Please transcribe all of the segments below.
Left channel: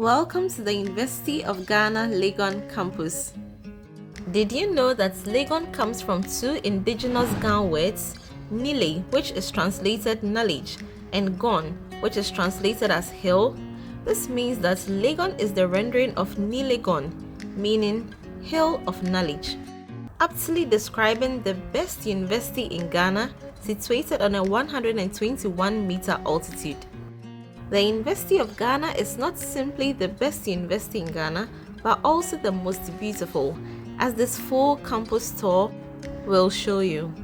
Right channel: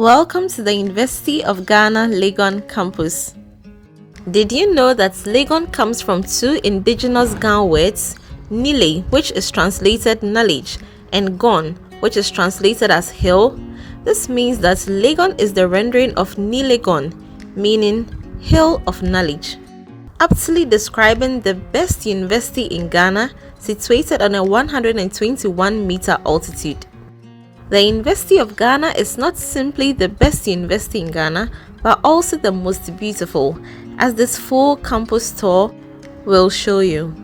Welcome to the University of Ghana Legon Campus. Did you know that Legon comes from two indigenous Ga words, Nile, which is translated knowledge, and Gon, which is translated as hill? This means that Legon is the rendering of Nilegon, meaning hill of knowledge, aptly describing the best university in Ghana, situated on a 121-meter altitude. The University of Ghana is not simply the best university in Ghana, but also the most beautiful, as this full campus tour will show you.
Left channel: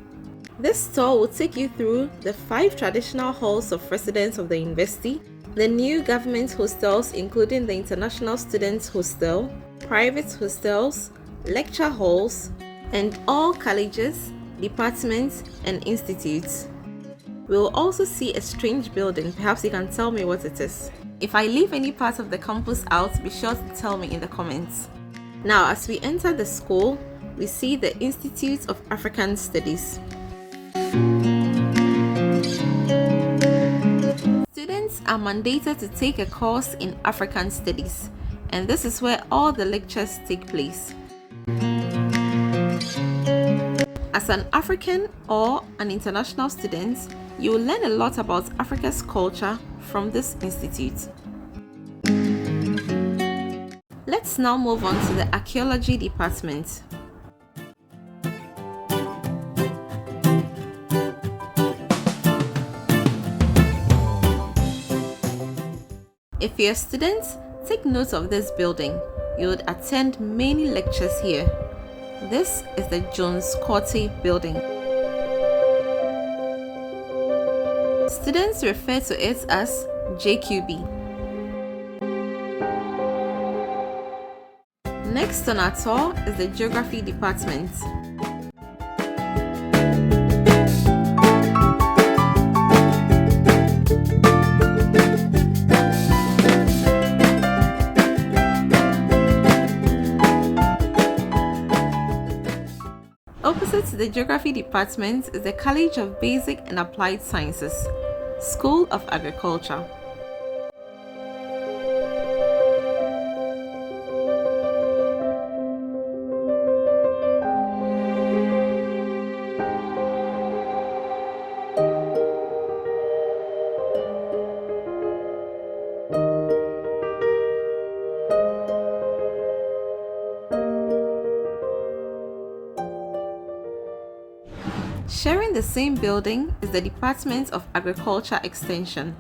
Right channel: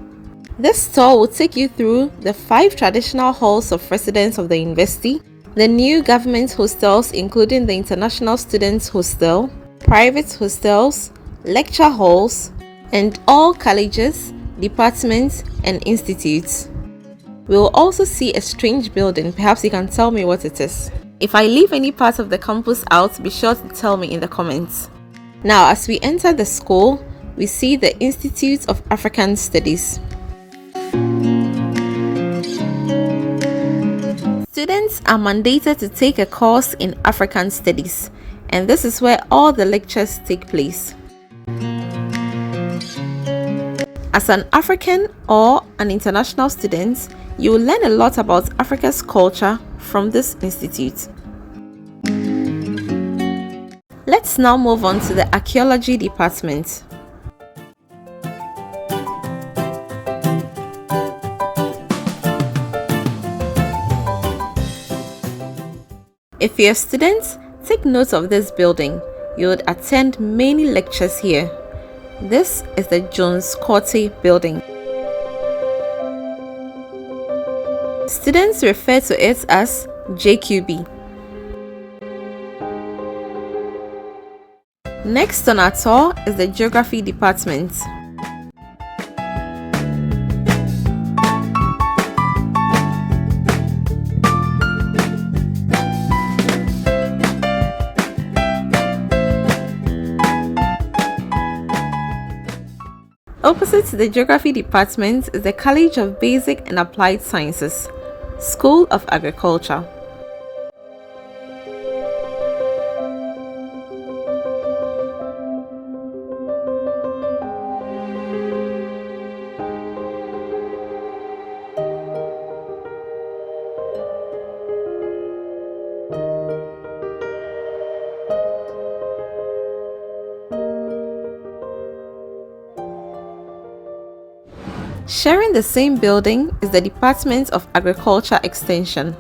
This tour will take you through the 5 traditional halls of residence of the university, the new government hostels including the International Students Hostel, private hostels, lecture halls, and all colleges, departments, and institutes. We will also see a strange building. Perhaps you can tell me what it is. If I leave any part of the campus out, be sure to tell me in the comments. Now, as we enter the school, we see the Institute of African Studies. Students are mandated to take a course in African Studies, and this is where all the lectures take place. As an African or an international student, you will learn a lot about Africa's culture from this institute. Let's now move on to the archaeology department. If you're a student, take note of this building. You would attend many lectures here. This is the Jones Corte building. Students refer to it as JQB. Next on our tour is the Geography department. Opposite to the Geography department is the College of Basic and Applied Sciences, School of Agriculture. Sharing the same building is the Department of Agriculture Extension.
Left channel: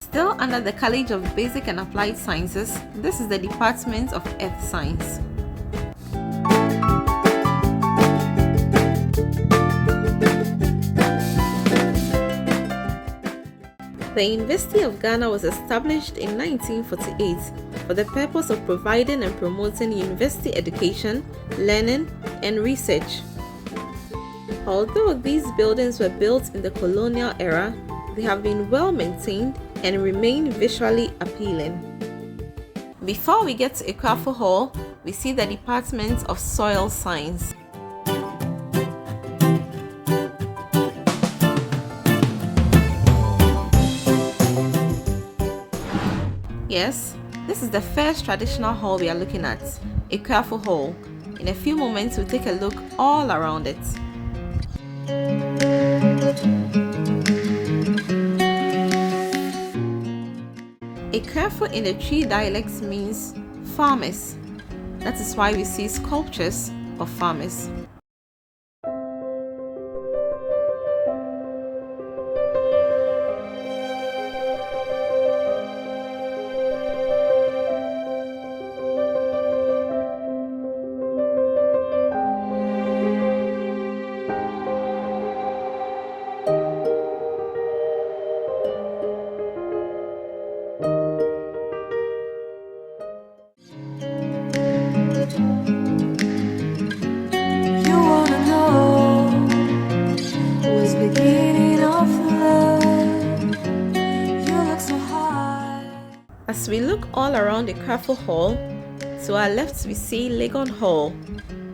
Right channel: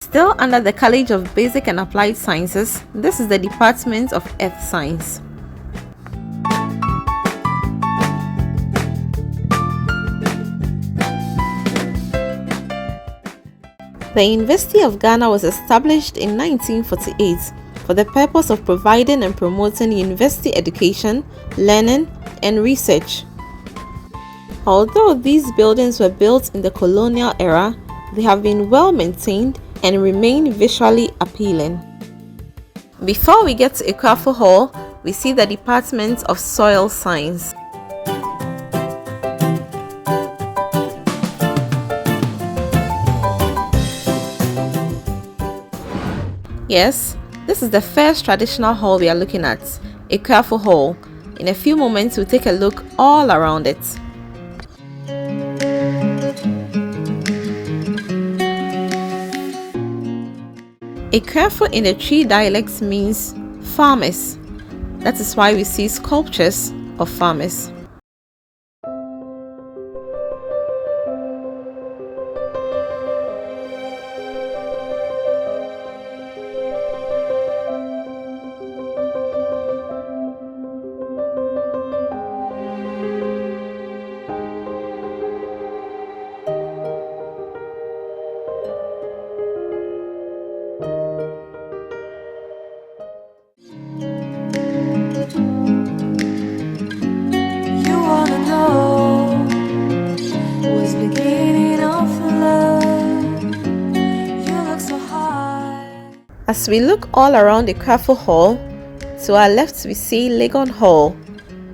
Still under the College of Basic and Applied Sciences, this is the Department of Earth Science. The University of Ghana was established in 1948 for the purpose of providing and promoting university education, learning, and research. Although these buildings were built in the colonial era, they have been well maintained and remain visually appealing. Before we get to Akuafo Hall, we see the Department of Soil Science. Yes, this is the first traditional hall we are looking at, Akuafo Hall. In a few moments, we'll take a look all around it. Akuafo in the Twi dialects means farmers. That is why we see sculptures of farmers. As we look all around the Akuafo Hall, to our left we see Legon Hall,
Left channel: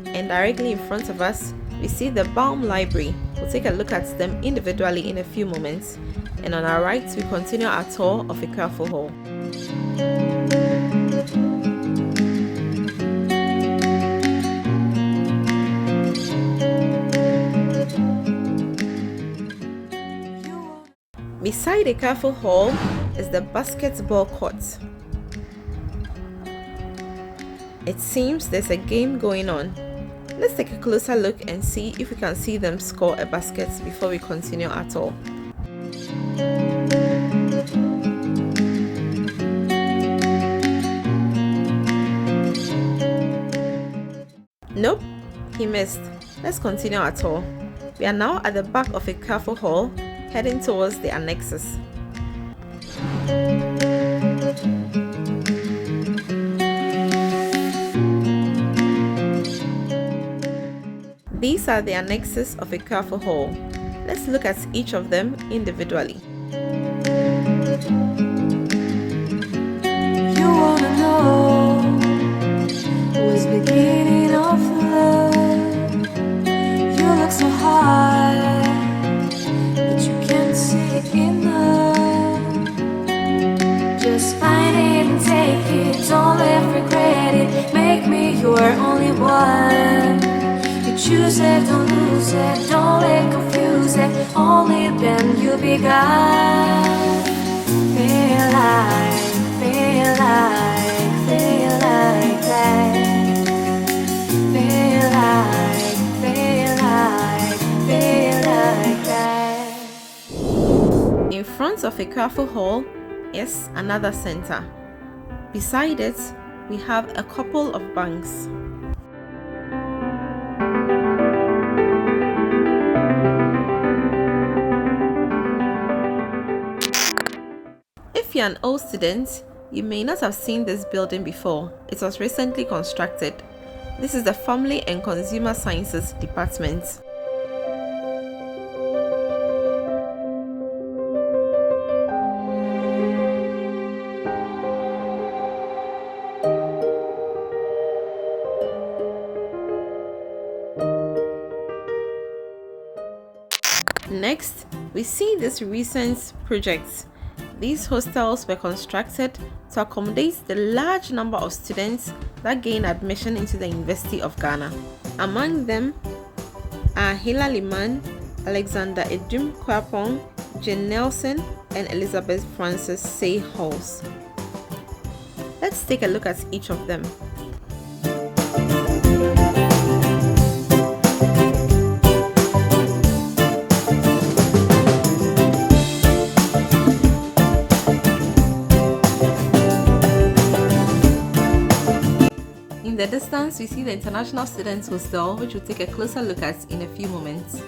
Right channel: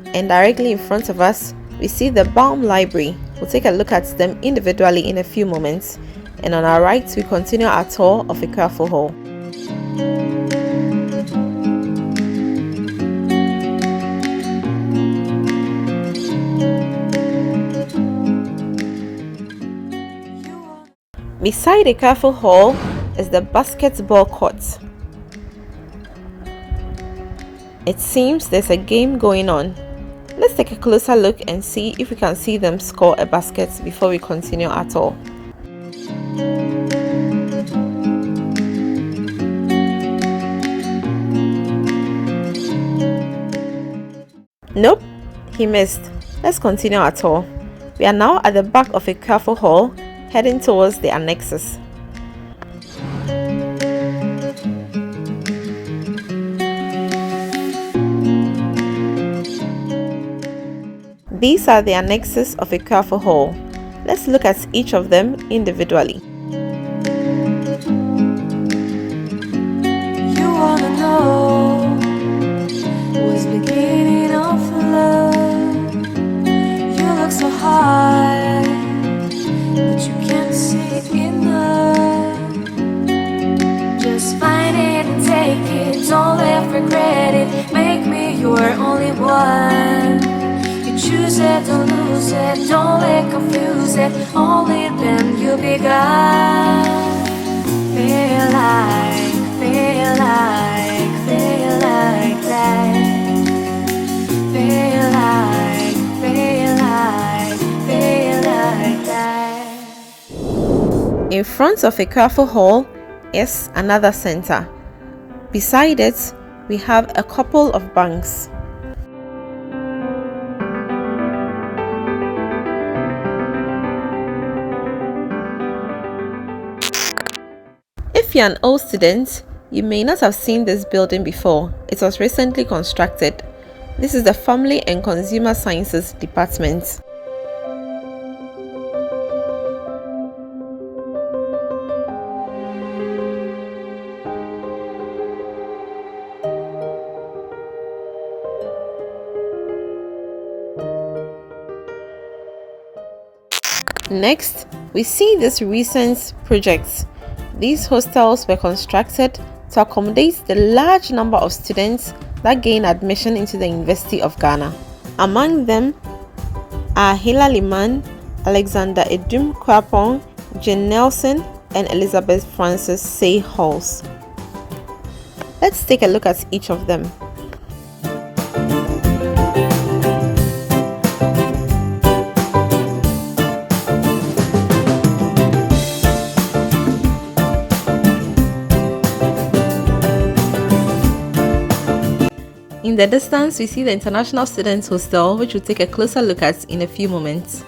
and directly in front of us we see the Baum Library. We'll take a look at them individually in a few moments, and on our right we continue our tour of the Akuafo Hall. Beside the Akuafo Hall is the basketball court. It seems there's a game going on. Let's take a closer look and see if we can see them score a basket before we continue our tour. Nope, he missed. Let's continue our tour. We are now at the back of the Akuafo Hall, heading towards the annexes. These are the annexes of a Akuafo Hall. Let's look at each of them individually. You wanna know what's beginning of love? You look so high, but you can't see enough. Just find it and take it, don't let regret it. Make me your only one. Choose it, don't lose it, don't let confuse it. Only then you begun. Feel like that. Feel like that. In front of a Akuafo Hall is another center. Beside it, we have a couple of banks. If you're an old student, you may not have seen this building before. It was recently constructed. This is the Family and Consumer Sciences Department. Next, we see this recent project. These hostels were constructed to accommodate the large number of students that gain admission into the University of Ghana. Among them are Hilla Limann, Alexander Adum Kwapong, Jane Nelson, and Elizabeth Francis Sey Halls. Let's take a look at each of them. In the distance, we see the International Students Hostel, which we'll take a closer look at in a few moments.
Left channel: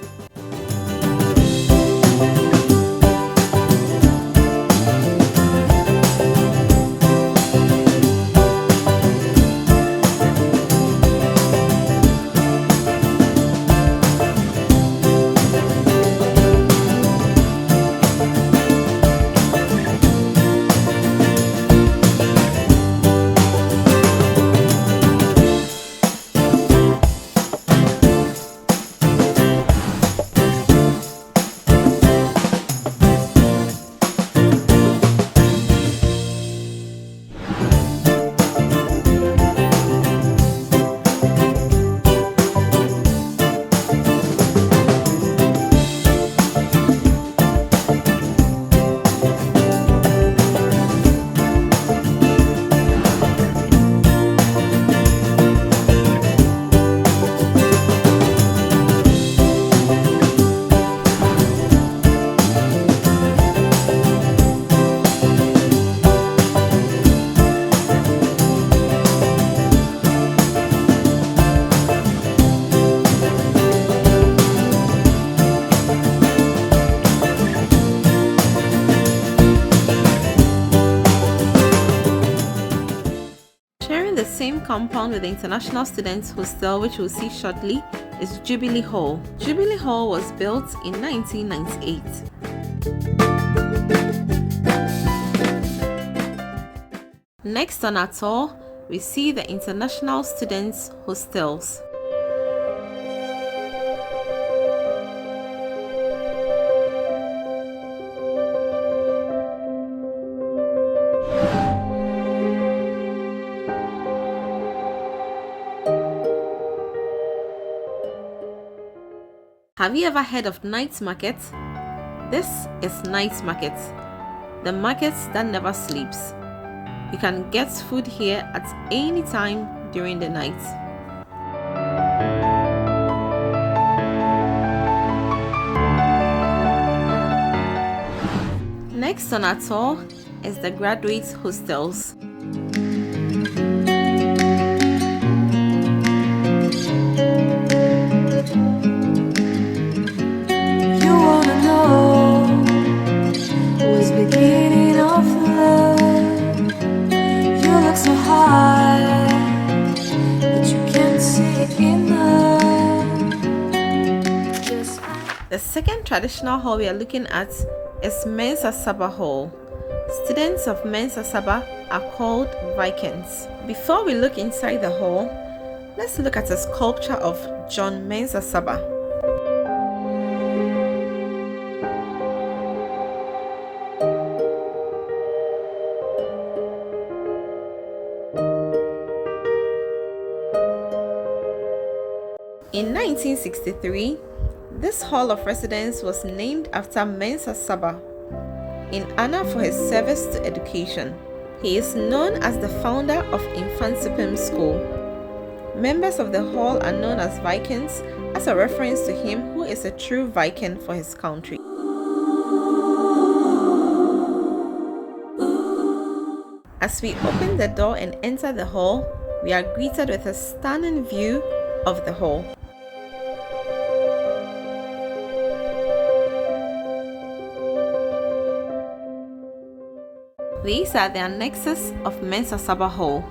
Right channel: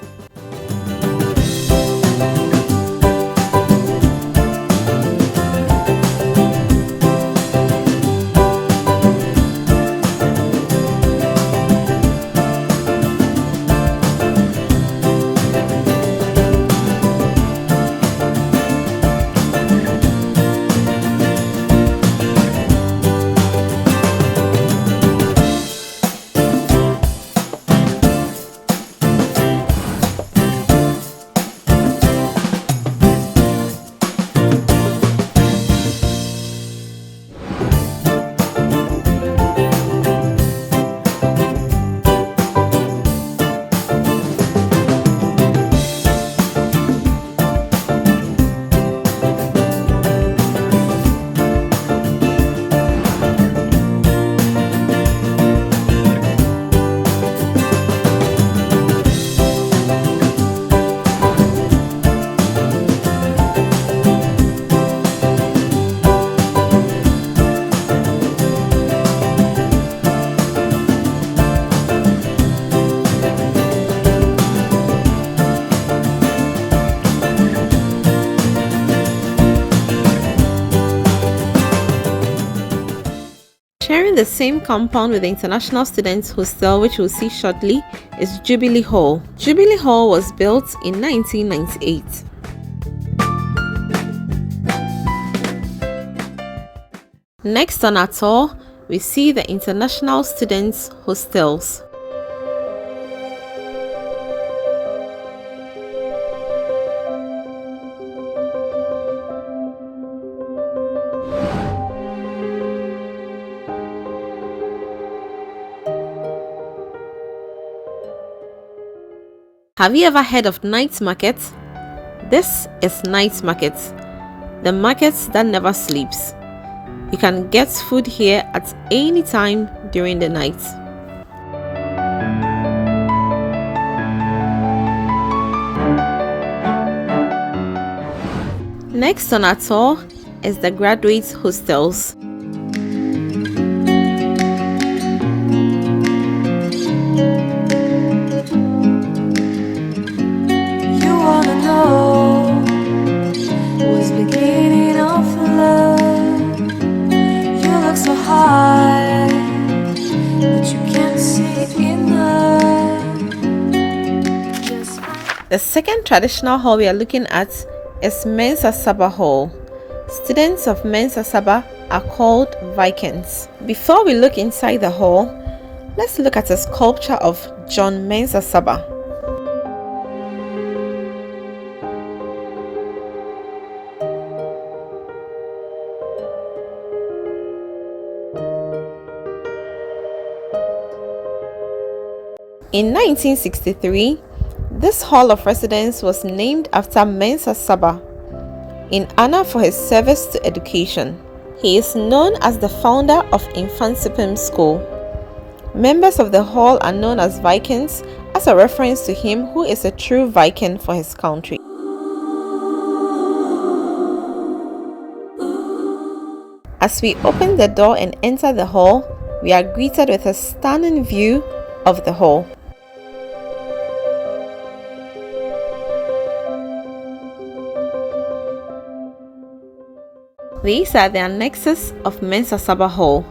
Sharing the same compound with the International Students Hostel, which we'll see shortly, is Jubilee Hall. Jubilee Hall was built in 1998. Next on our tour, we see the International Students Hostels. Have you ever heard of night market? This is night market, the market that never sleeps. You can get food here at any time during the night. Next on our tour is the graduate hostels. The second traditional hall we are looking at is Mensah Sarbah Hall. Students of Mensah Sarbah are called Vikings. Before we look inside the hall, let's look at a sculpture of John Mensah Sarbah. In 1963, this hall of residence was named after Mensah Sarbah in honor for his service to education. He is known as the founder of Infantsipim School. Members of the hall are known as Vikings as a reference to him who is a true Viking for his country. As we open the door and enter the hall, we are greeted with a stunning view of the hall. These are the annexes of Mensah Sarbah Hall.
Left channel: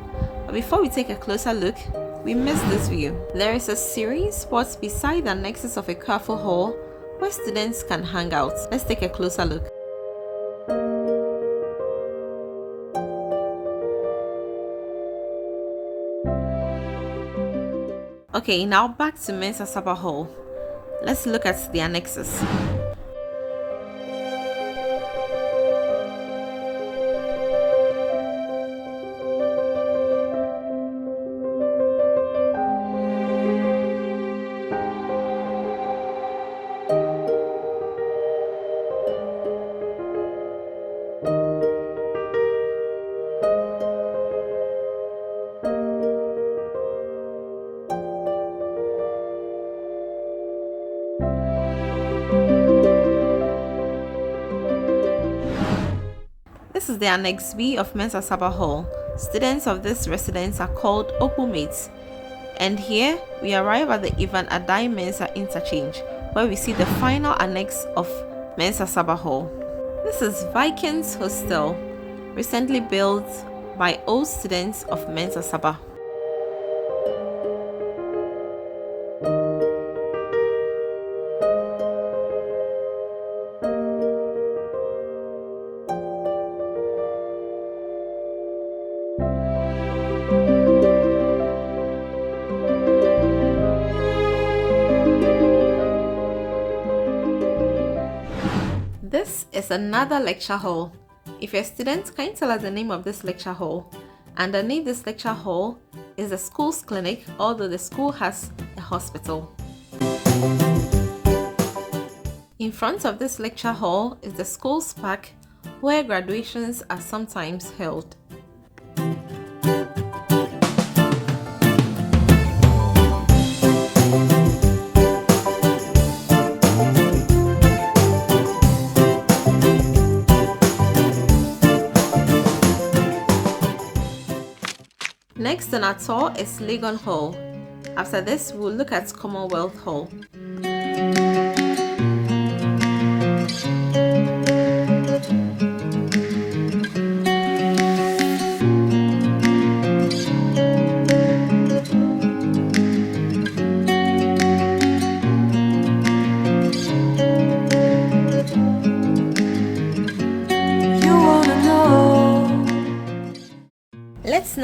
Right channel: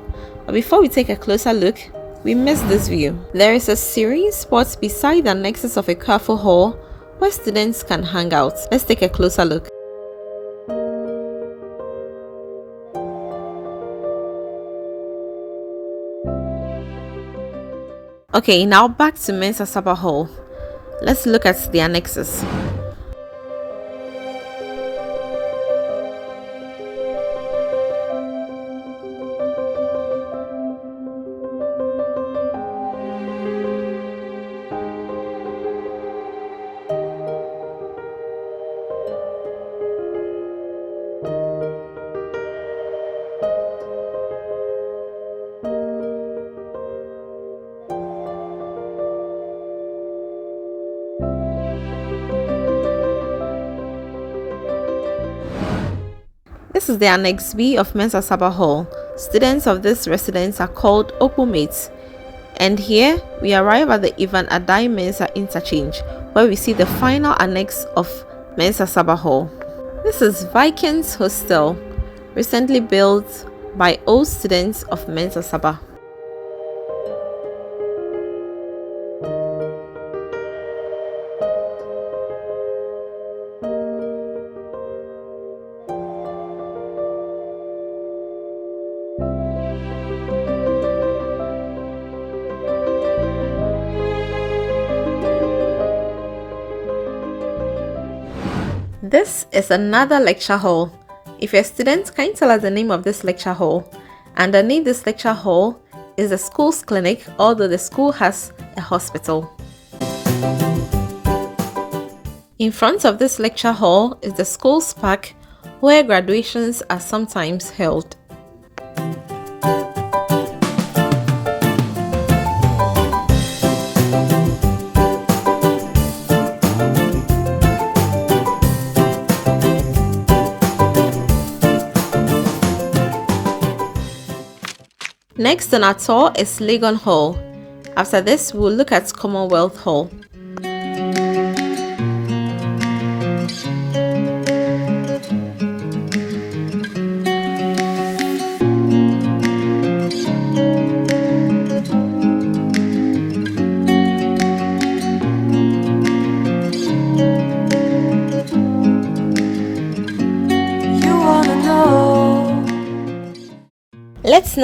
But before we take a closer look, we missed this view. There is a serene spot beside the annexes of Akuafo Hall where students can hang out. Let's take a closer look. Okay, now back to Mensah Sarbah Hall. Let's look at the annexes. This is the Annex B of Mensah Sarbah Hall. Students of this residence are called Okumates. And here we arrive at the Ivan Adai Mensah interchange, where we see the final annex of Mensah Sarbah Hall. This is Vikings Hostel, recently built by old students of Mensah Sarbah. This is another lecture hall. If you're a student, can you tell us the name of this lecture hall? Underneath this lecture hall is the school's clinic, although the school has a hospital. In front of this lecture hall is the school's park, where graduations are sometimes held. Next on our tour is Legon Hall. After this, we'll look at Commonwealth Hall.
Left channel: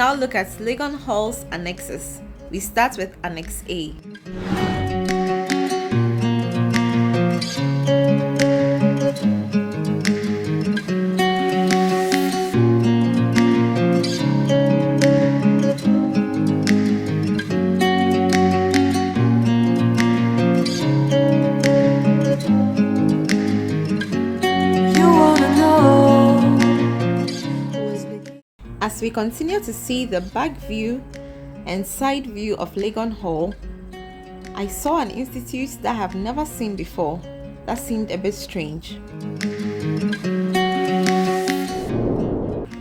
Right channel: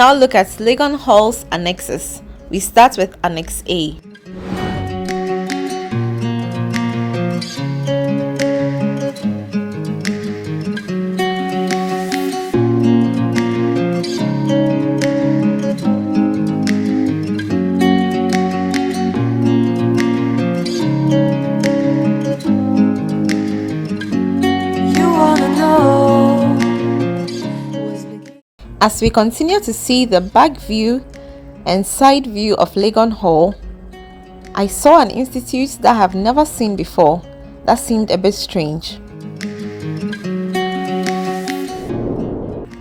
now look at Legon Hall's annexes. We start with Annex A. As we continue to see the back view and side view of Legon Hall, I saw an institute that I have never seen before that seemed a bit strange.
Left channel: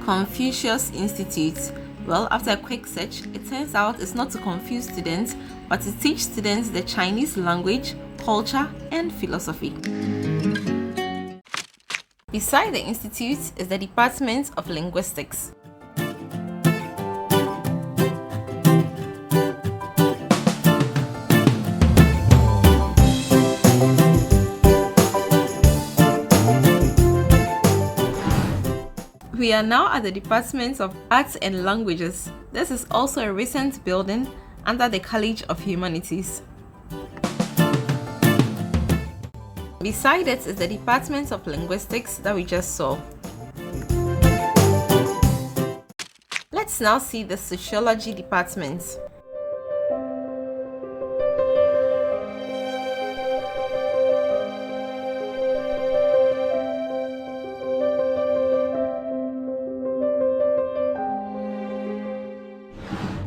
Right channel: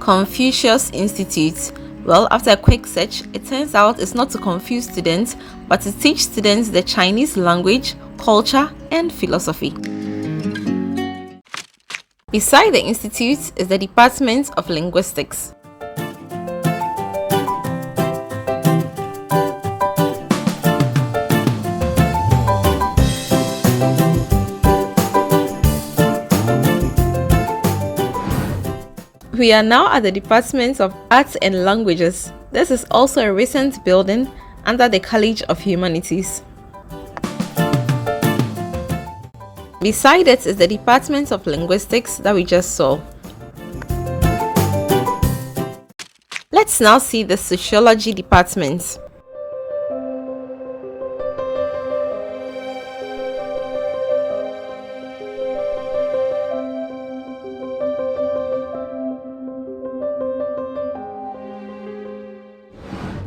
Confucius Institute. Well, after a quick search, it turns out it's not to confuse students, but to teach students the Chinese language, culture, and philosophy. Beside the institute is the Department of Linguistics. We are now at the Department of Arts and Languages. This is also a recent building under the College of Humanities. Beside it is the Department of Linguistics that we just saw. Let's now see the Sociology Department.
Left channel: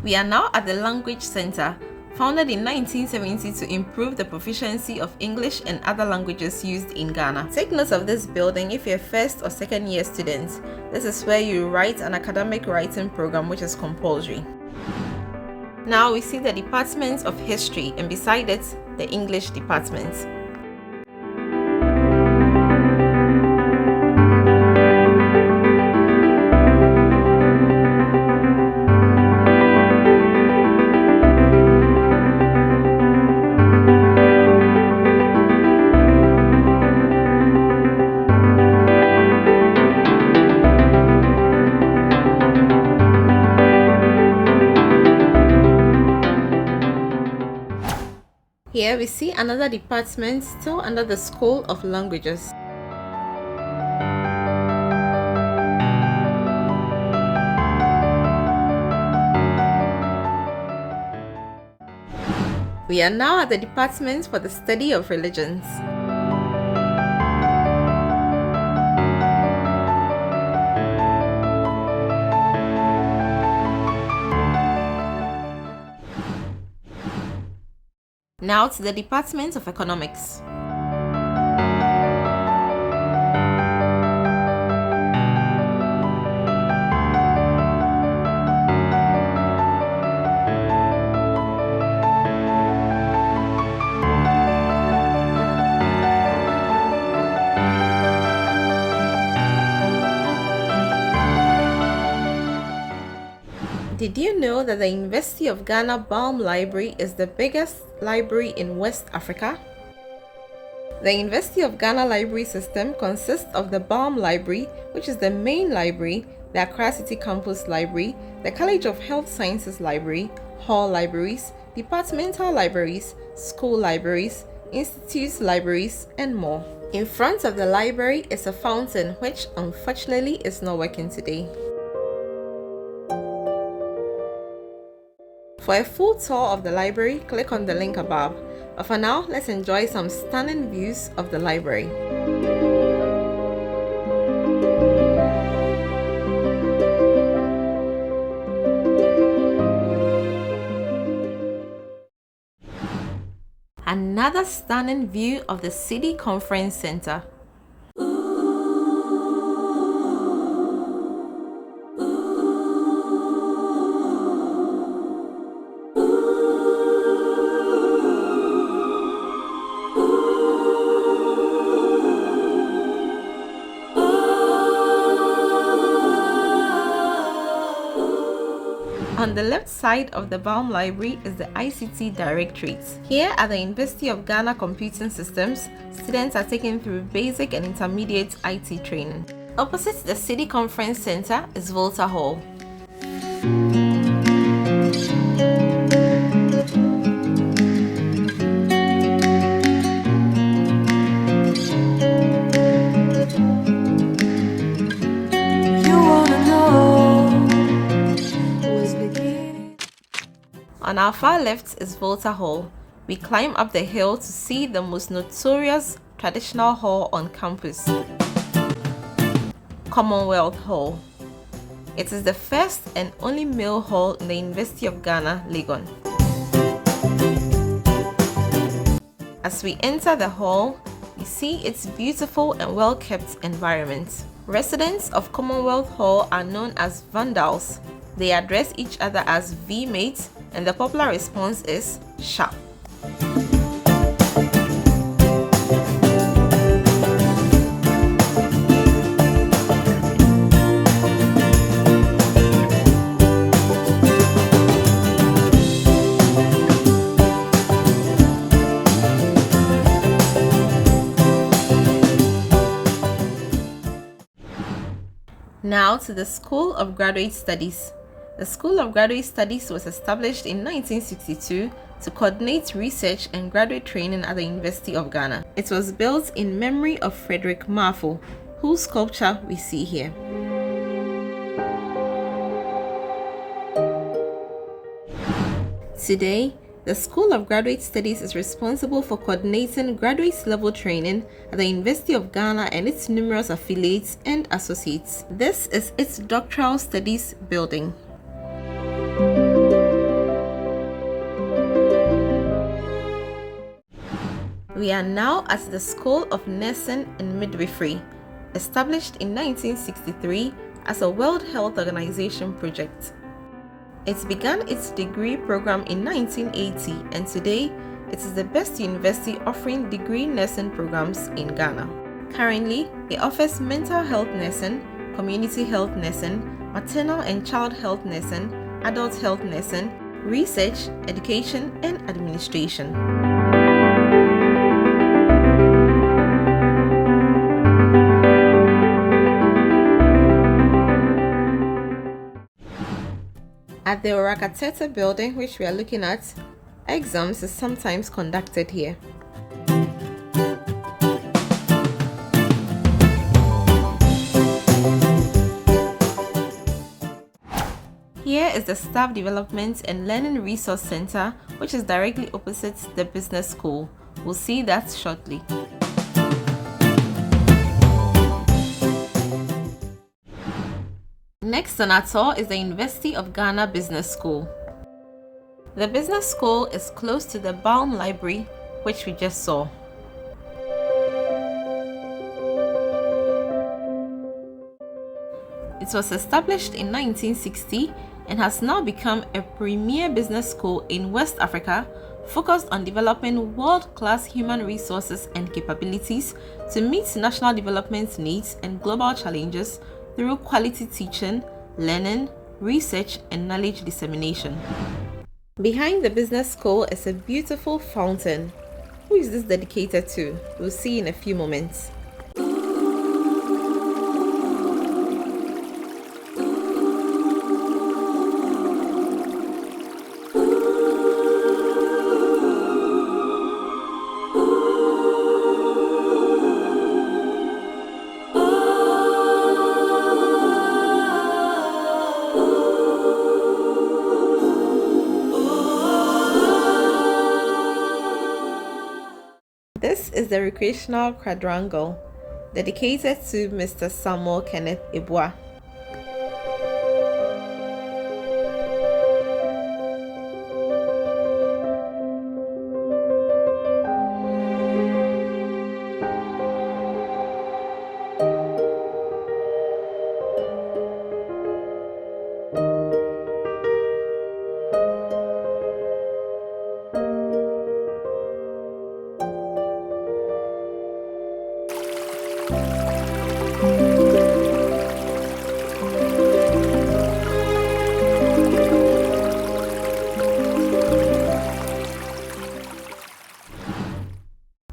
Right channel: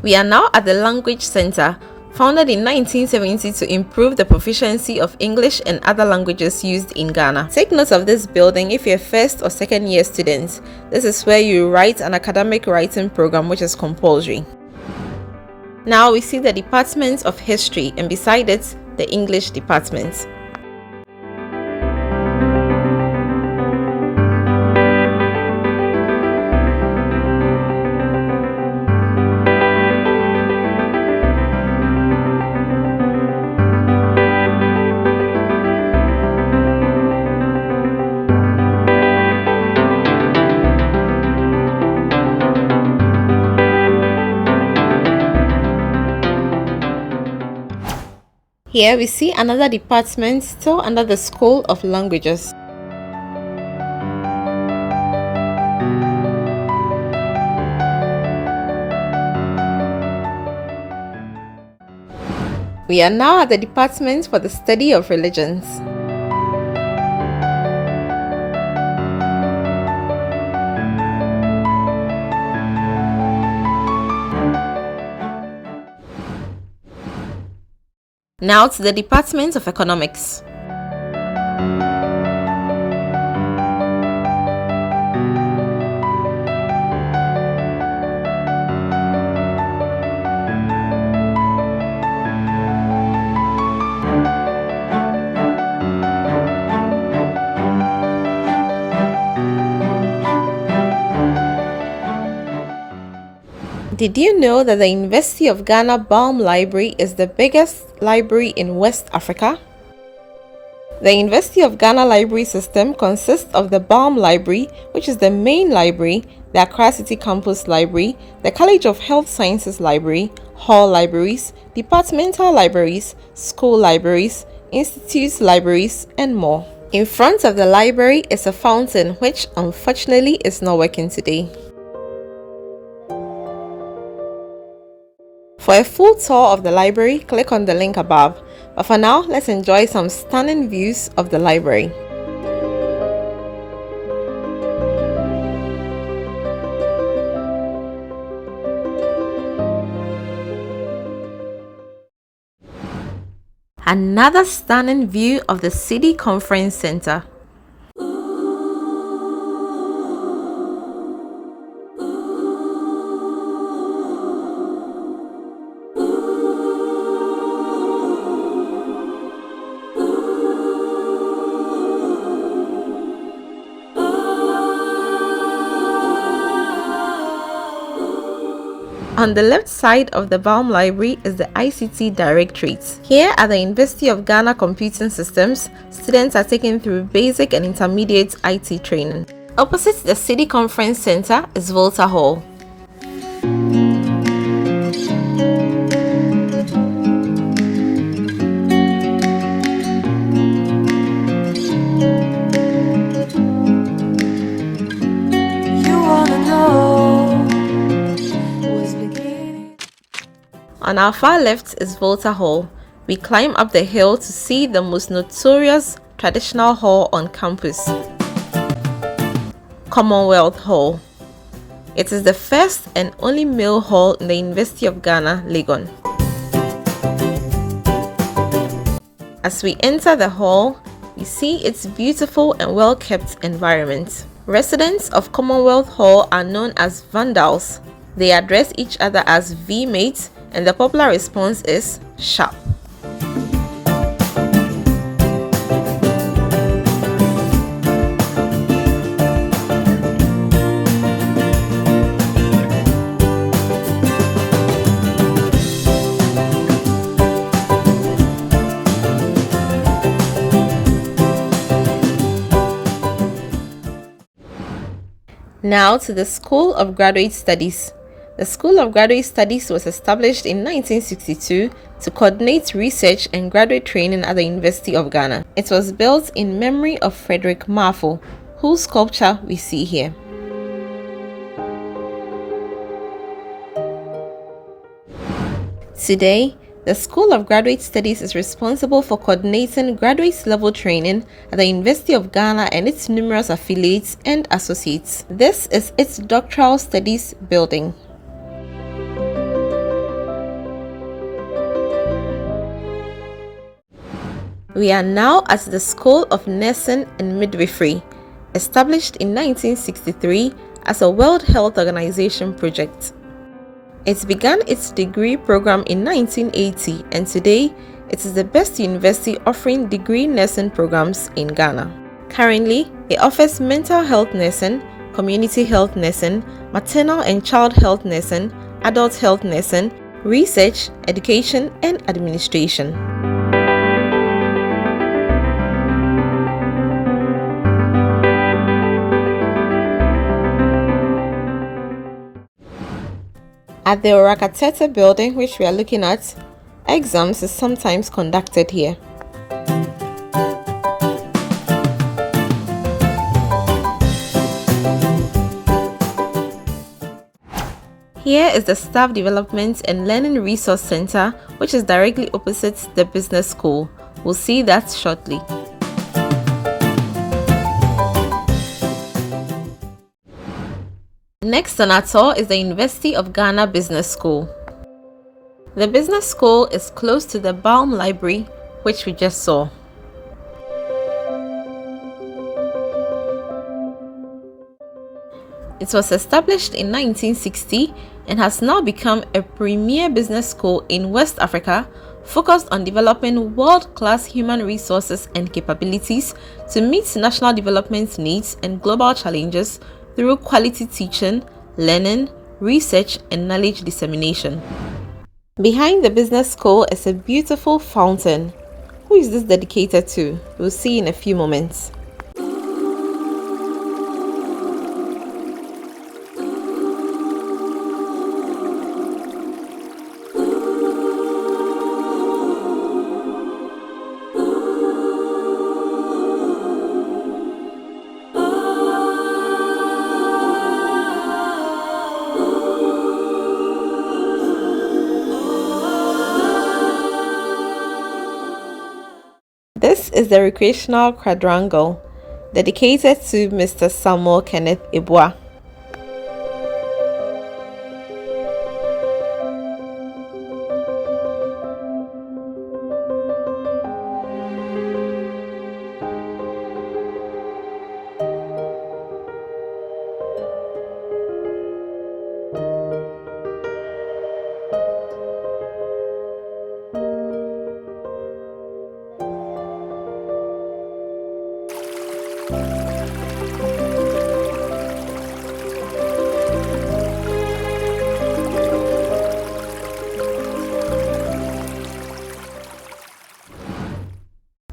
We are now at the Language Center, founded in 1970 to improve the proficiency of English and other languages used in Ghana. Take note of this building if you're a first or second year student. This is where you write an academic writing program which is compulsory. Now we see the Department of History, and beside it, the English Department. Here we see another department still under the School of Languages. We are now at the Department for the Study of Religions. Now to the Department of Economics. Did you know that the University of Ghana Balm Library is the biggest library in West Africa? The University of Ghana library system consists of the Balm Library, which is the main library, the Accra City Campus Library, the College of Health Sciences Library, hall libraries, departmental libraries, school libraries, institute libraries, and more. In front of the library is a fountain which unfortunately is not working today. For a full tour of the library, click on the link above. But for now, let's enjoy some stunning views of the library. Another stunning view of the City Conference Center. On the left side of the Balm Library is the ICT Directorate. Here at the University of Ghana Computing Systems, students are taken through basic and intermediate IT training. Opposite the City Conference Center is Volta Hall. On our far left is Volta Hall. We climb up the hill to see the most notorious traditional hall on campus, Commonwealth Hall. It is the first and only male hall in the University of Ghana Legon. As we enter the hall, we see its beautiful and well-kept environment. Residents of Commonwealth Hall are known as vandals. They address each other as V-mates, and the popular response is sharp. Now to the School of Graduate Studies. The School of Graduate Studies was established in 1962 to coordinate research and graduate training at the University of Ghana. It was built in memory of Frederick Marfo, whose sculpture we see here. Today, the School of Graduate Studies is responsible for coordinating graduate level training at the University of Ghana and its numerous affiliates and associates. This is its doctoral studies building. We are now at the School of Nursing and Midwifery, established in 1963 as a World Health Organization project. It began its degree program in 1980, and today it is the best university offering degree nursing programs in Ghana. Currently, it offers mental health nursing, community health nursing, maternal and child health nursing, adult health nursing, research, education, and administration. At the Orakatete building, which we are looking at, exams is sometimes conducted here. Here is the Staff Development and Learning Resource Center, which is directly opposite the business school. We'll see that shortly. Next on our tour is the University of Ghana Business School. The business school is close to the Baum Library, which we just saw. It was established in 1960 and has now become a premier business school in West Africa, focused on developing world-class human resources and capabilities to meet national development needs and global challenges through quality teaching, learning, research, and knowledge dissemination. Behind the business school is a beautiful fountain. Who is this dedicated to? We'll see in a few moments. This is the recreational quadrangle, dedicated to Mr. Samuel Kenneth Ibua.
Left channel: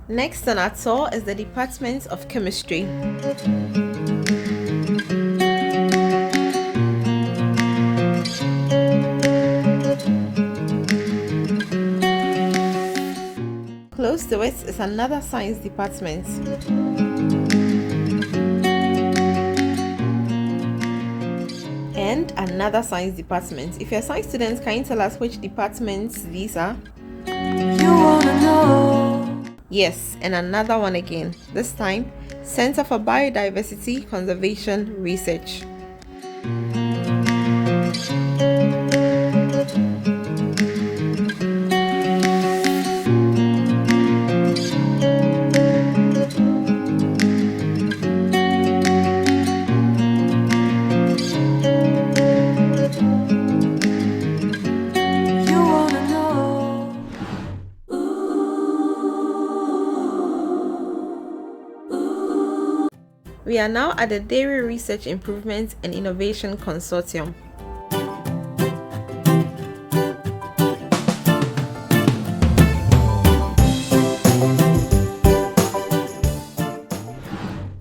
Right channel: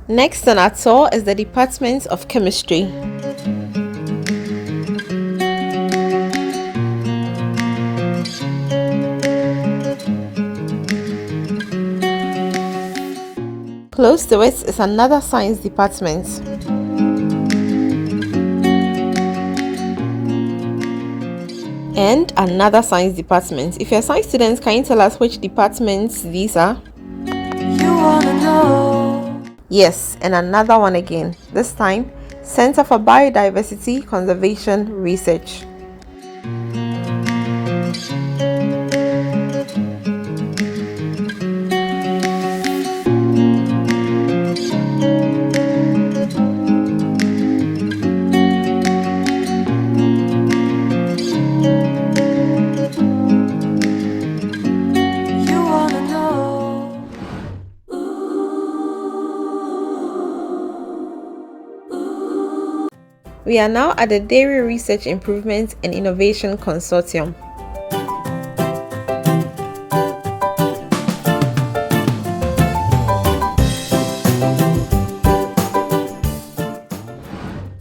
Next on our tour is the Department of Chemistry. Close to it is another science department. And another science department. If you're science students, can you tell us which departments these are? You wanna know? Yes, and another one again. This time, Center for Biodiversity Conservation Research. We are now at the Dairy Research Improvement and Innovation Consortium.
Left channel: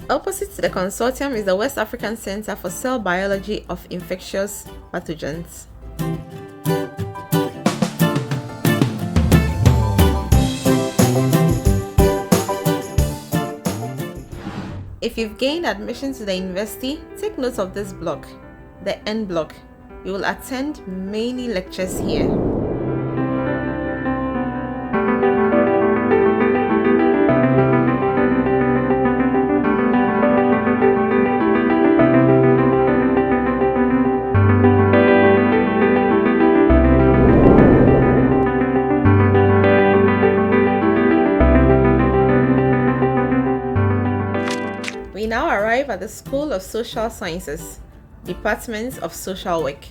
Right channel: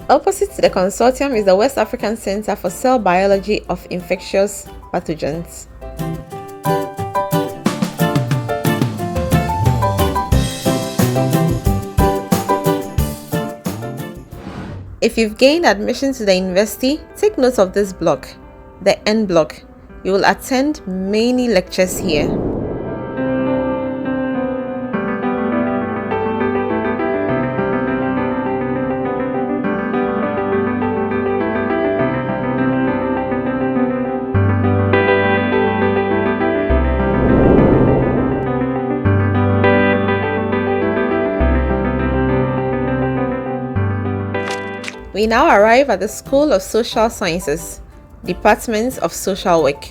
Opposite to the consortium is the West African Center for Cell Biology of Infectious Pathogens. If you've gained admission to the university, take note of this block, the N block. You will attend many lectures here. We now arrive at the School of Social Sciences, Department of Social Work.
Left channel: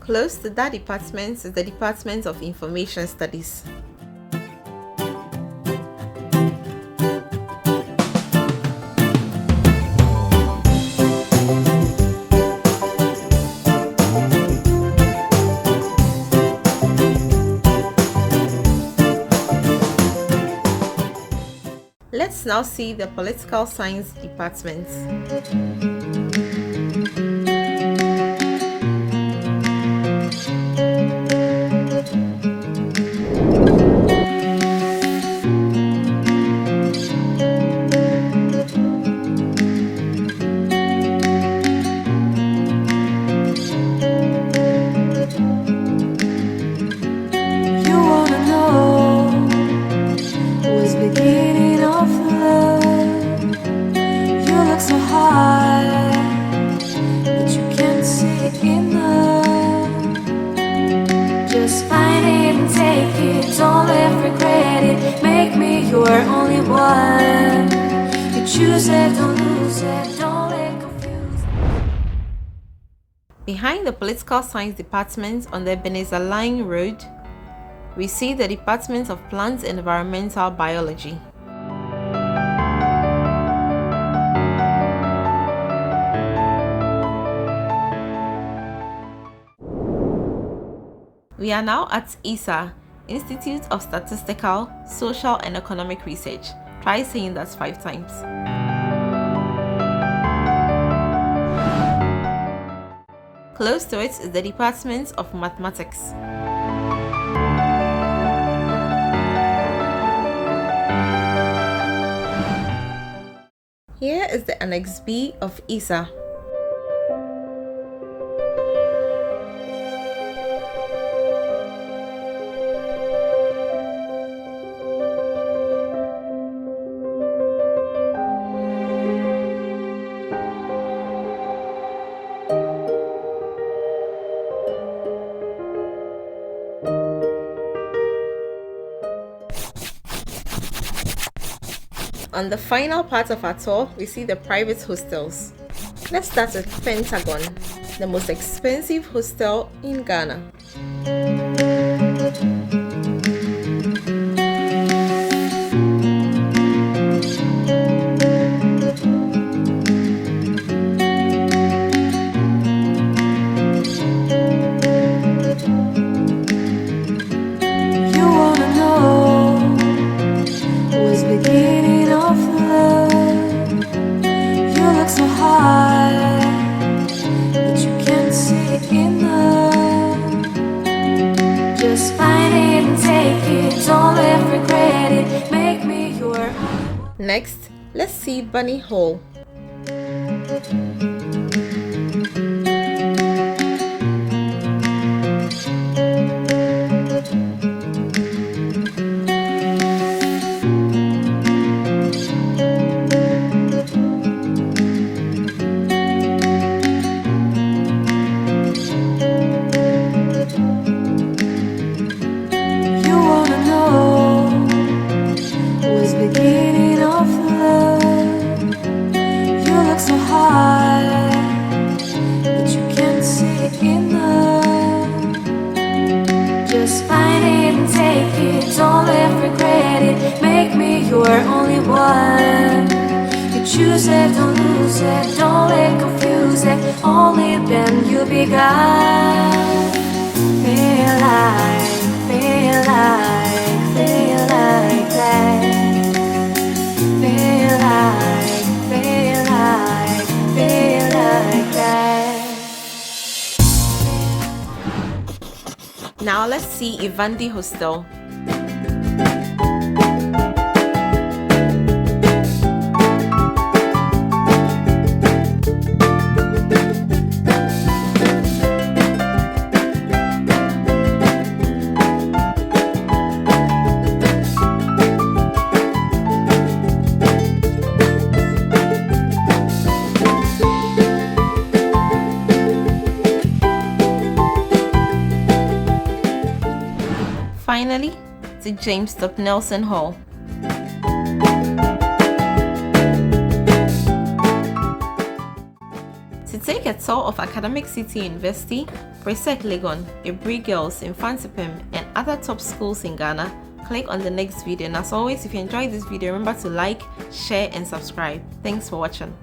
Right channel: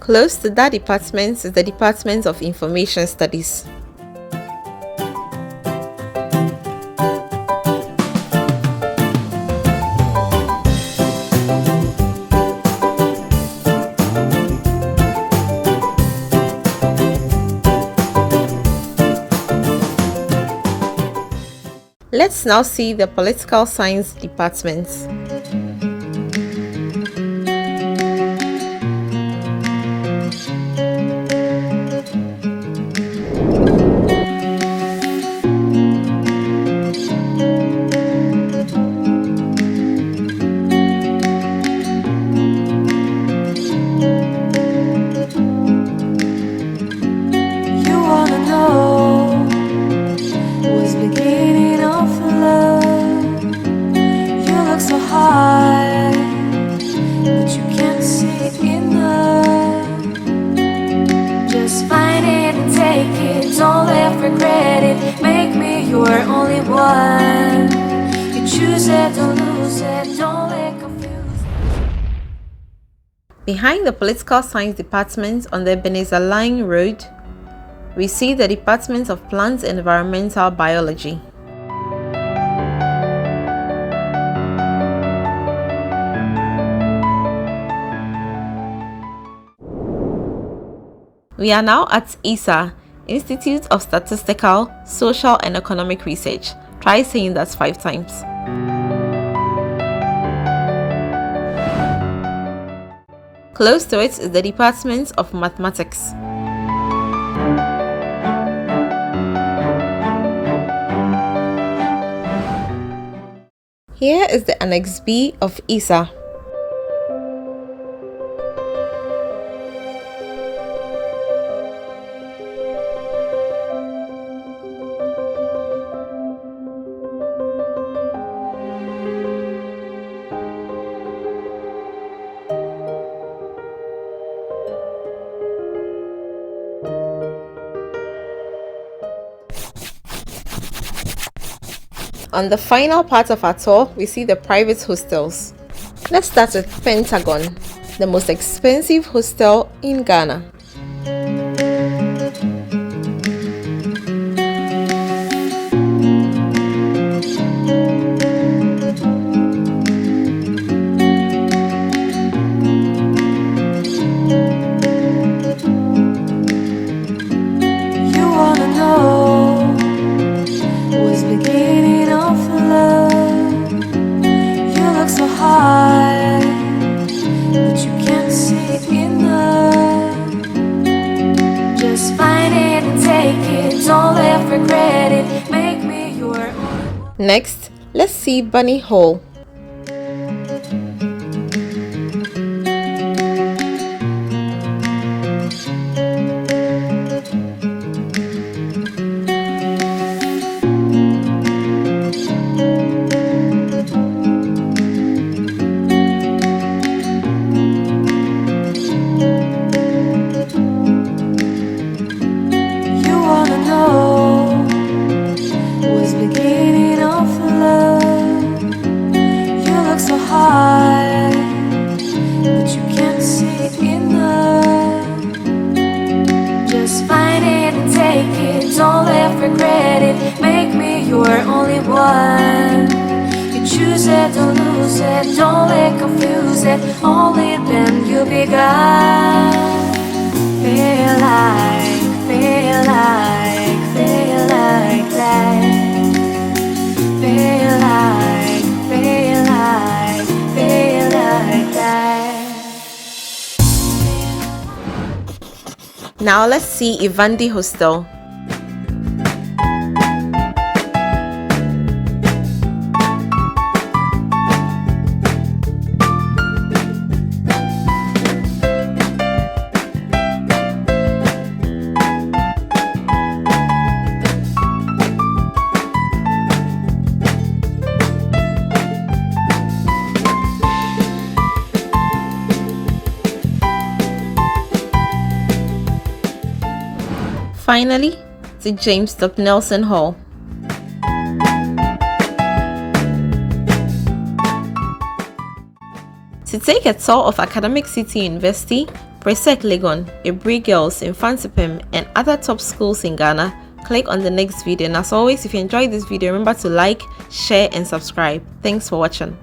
Close to that department is the Department of Information Studies. Let's now see the Political Science Department. Behind the Political Science Department on the Ebenezer Line Road, we see the Department of Plant and Environmental Biology. We are now at ISA, Institute of Statistical, Social and Economic Research. Try saying that 5 times. Close to it is the Department of Mathematics. Here is the Annex B of ISA. On the final part of our tour, we see the private hostels. Let's start with Pentagon. the most expensive hostel in Ghana. Next, let's see Bunny Hall. Choose it, don't lose it, don't let confuse it. Only then you begun. Feel like that. Feel like that. Now let's see Ivandi Hostel. Finally, to James Nelson Hall. To take a tour of Academic City University, Presec Legon, Ebri Girls, Infantipim, and other top schools in Ghana, click on the next video. And as always, if you enjoyed this video, remember to like, share, and subscribe. Thanks for watching.